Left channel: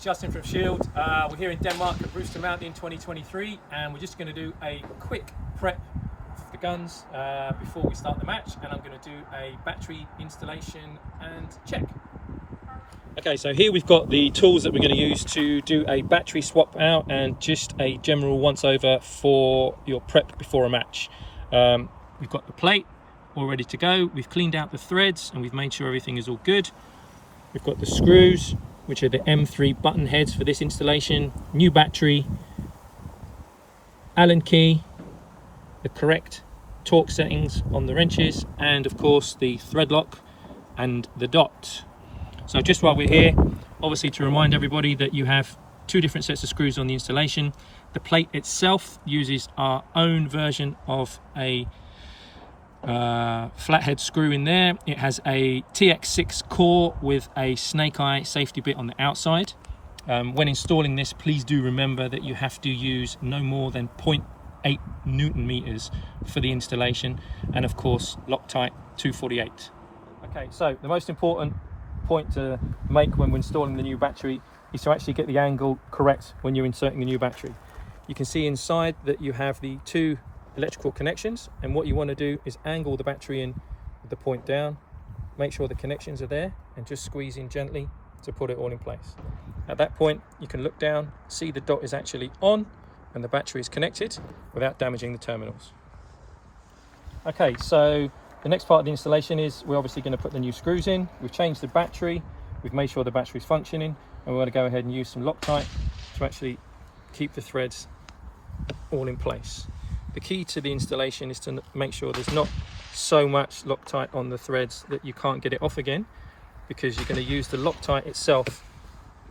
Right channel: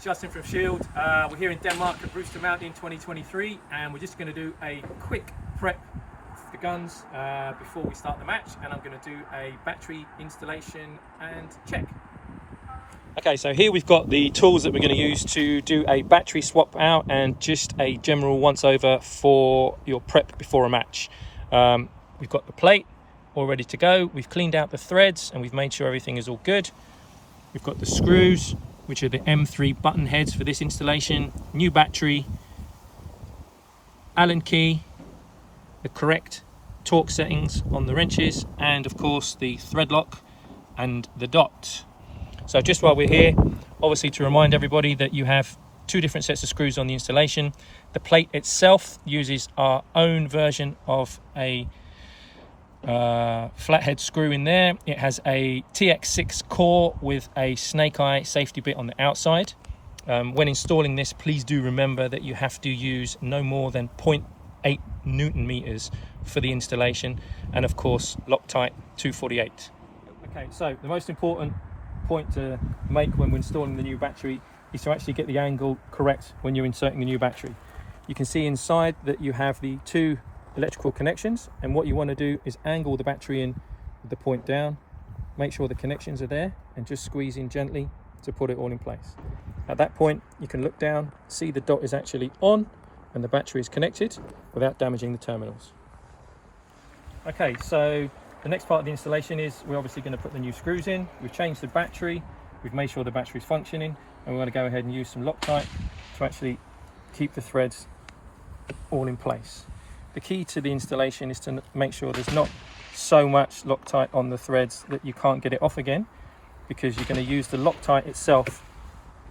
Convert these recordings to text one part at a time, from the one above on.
is Justin from Shield. We're here in Denmark at Brewster Mountain 2023, and we're just going to do a quick prep for the guns before we start the match, and I'm going to do a battery installation and check. Okay, so here we've got the tools that we're going to use to do a battery swap out and just a general once over for your prep before a match. We've got the plate all ready to go. We've cleaned out the threads and we've made sure everything is all good. We've got the screws, which are the M3 button heads for this installation, new battery, Allen key, the correct torque settings on the wrenches, and of course the thread lock and the dot. So just while we're here, obviously to remind everybody that you have two different sets of screws on the installation. The plate itself uses our own version of a flathead screw in there. It has a TX6 core with a snake eye safety bit on the outside. When installing this, please do remember that you have to use no more than 0.8 Newton meters for the installation, and of course Loctite 248. Okay, so the most important point to make when we're installing the new battery is to actually get the angle correct when you're inserting the new battery. You can see inside that you have the two electrical connections, and what you want to do is angle the battery in with the point down, make sure the connections are there, and just squeeze in gently to put it all in place. At that point you can look down, see the dot is actually on and the battery is connected without damaging the terminals. Okay, so the next part of the installation is we're obviously going to put the new screws in. We've changed the battery, we've made sure the battery is functioning, and we're going to go ahead and use some Loctite to actually keep the threads all in place. The key to the installation is to make sure there's not so much Loctite on the threads that you can't get it off again, because you're going to use the Loctite itself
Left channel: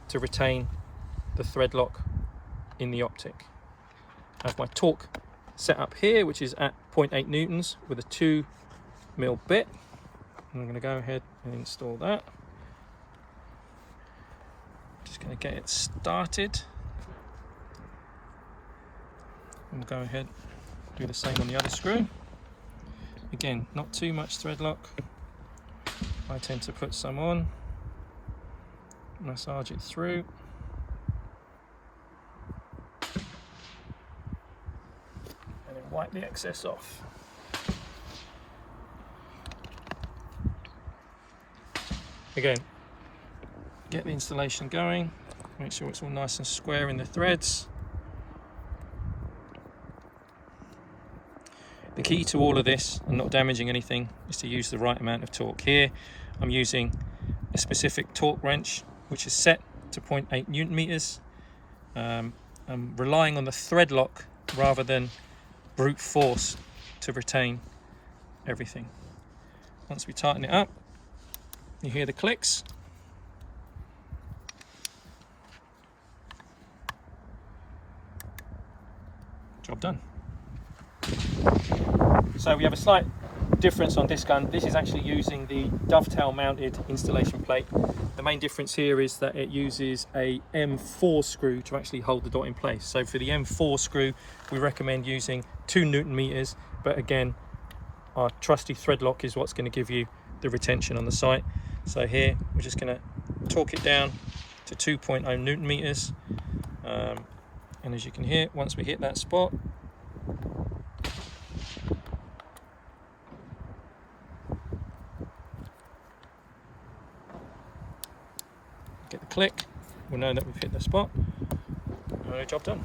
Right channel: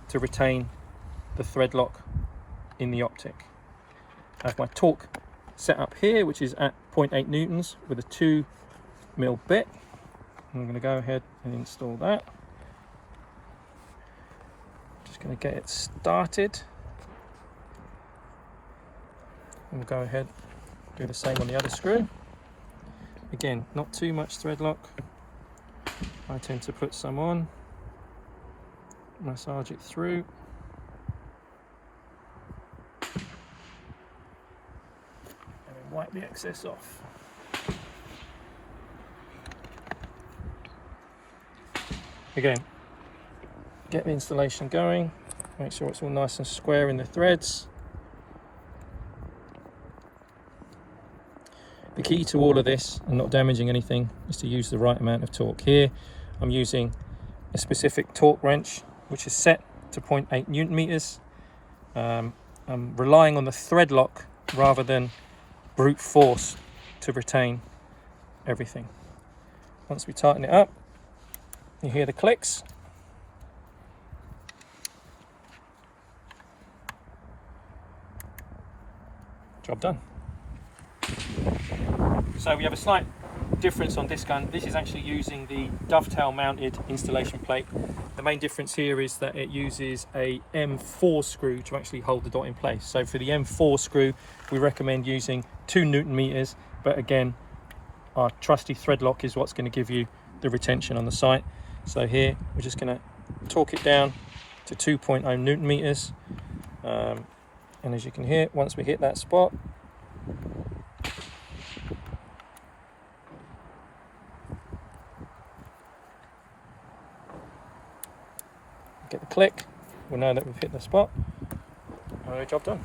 to retain the thread lock in the optic. I have my torque set up here, which is at 0.8 newtons with a 2mm bit. I'm going to go ahead and install that. Just going to get it started. And go ahead, do the same on the other screw. Again, not too much thread lock. I tend to put some on, massage it through, and then wipe the excess off. Again, get the installation going, make sure it's all nice and square in the threads. The key to all of this and not damaging anything is to use the right amount of torque. Here I'm using a specific torque wrench which is set to 0.8 Newton meters. I'm relying on the thread lock rather than brute force to retain everything. Once we tighten it up, you hear the clicks. Job done. So we have a slight difference on this gun. This is actually using the dovetail mounted installation plate. The main difference here is that it uses a M4 screw to actually hold the dot in place. So for the M4 screw, we recommend using 2 Newton meters, but again, our trusty thread lock is what's going to give you the retention on the site. So here we're just going to torque it down to 2.0 Newton meters, and as you can hear, once we hit that spot, get the click, we'll know that we've hit the spot. Job done.